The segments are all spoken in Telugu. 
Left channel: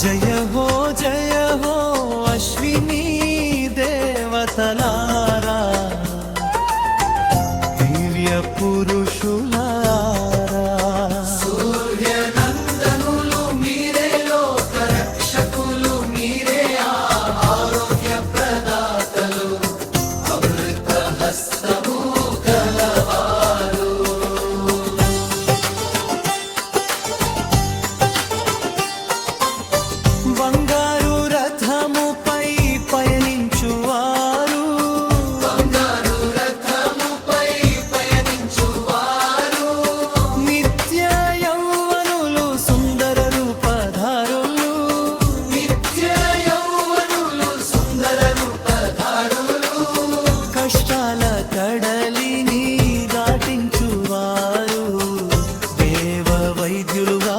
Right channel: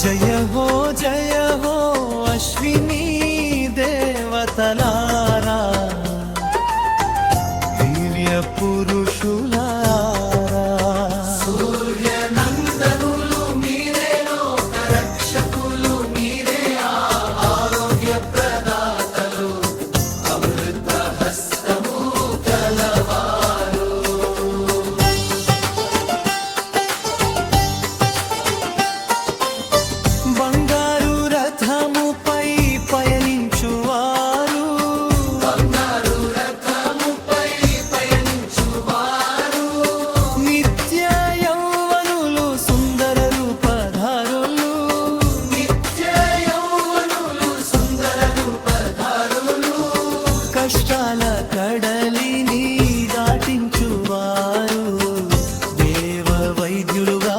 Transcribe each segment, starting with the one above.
జయ హో జయ హో అశ్విని దేవతలారా దివ్య బంగారు రథముపై పయనించువారు. నిత్య యౌవనులు సుందర రూపధారులు. కష్టాల కడలిని దాటించువారు. దేవ వైద్యులుగా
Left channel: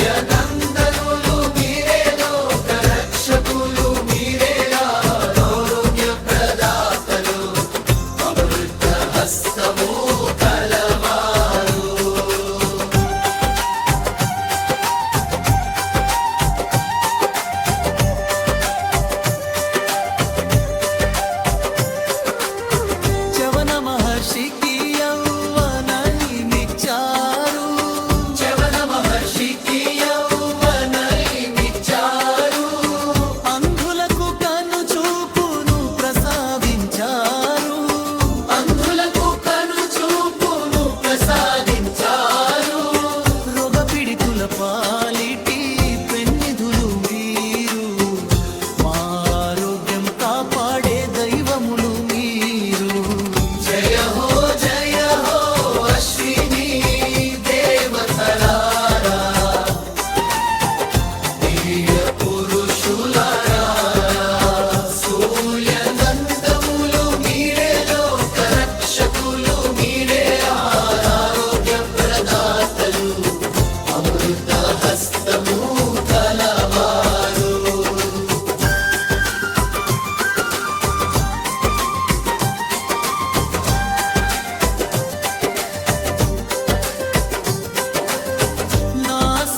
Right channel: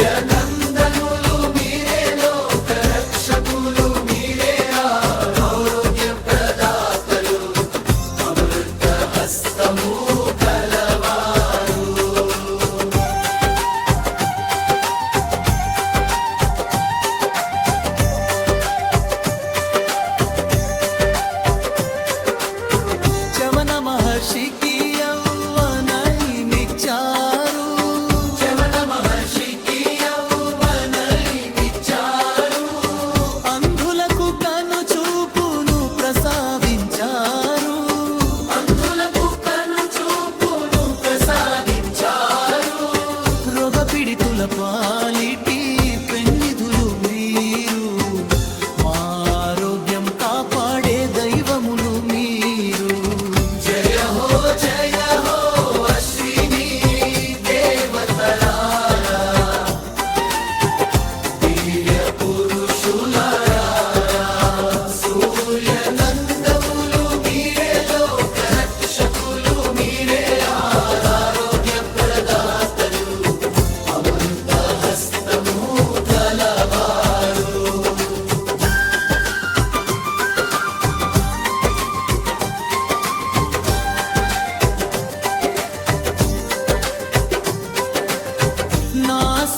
మహర్షికి యౌవనైనిచ్చారు అంధులకు కను చూపును ప్రసాదించారు. రోగ పాలిటీ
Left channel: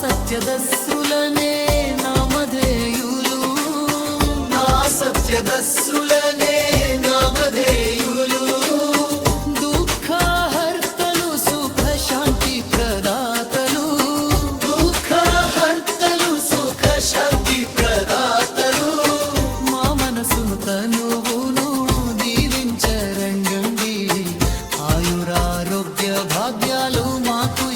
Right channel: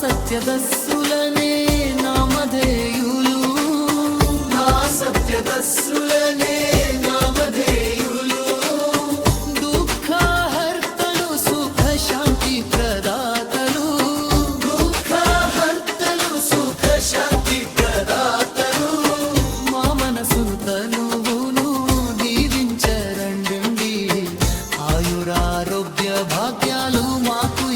సత్యదస్సులనే నామధేయులు. నా సత్యదస్సులనే నామధేయులు. దుఃఖహర్తలు సుఖ శాంతి ప్రదాతలు. దుఃఖహర్తలు సుఖ శాంతి ప్రదాతలు. మా మనసును తనువును దీవించరండి ఆయురారోగ్య భాగ్యాలు మాకు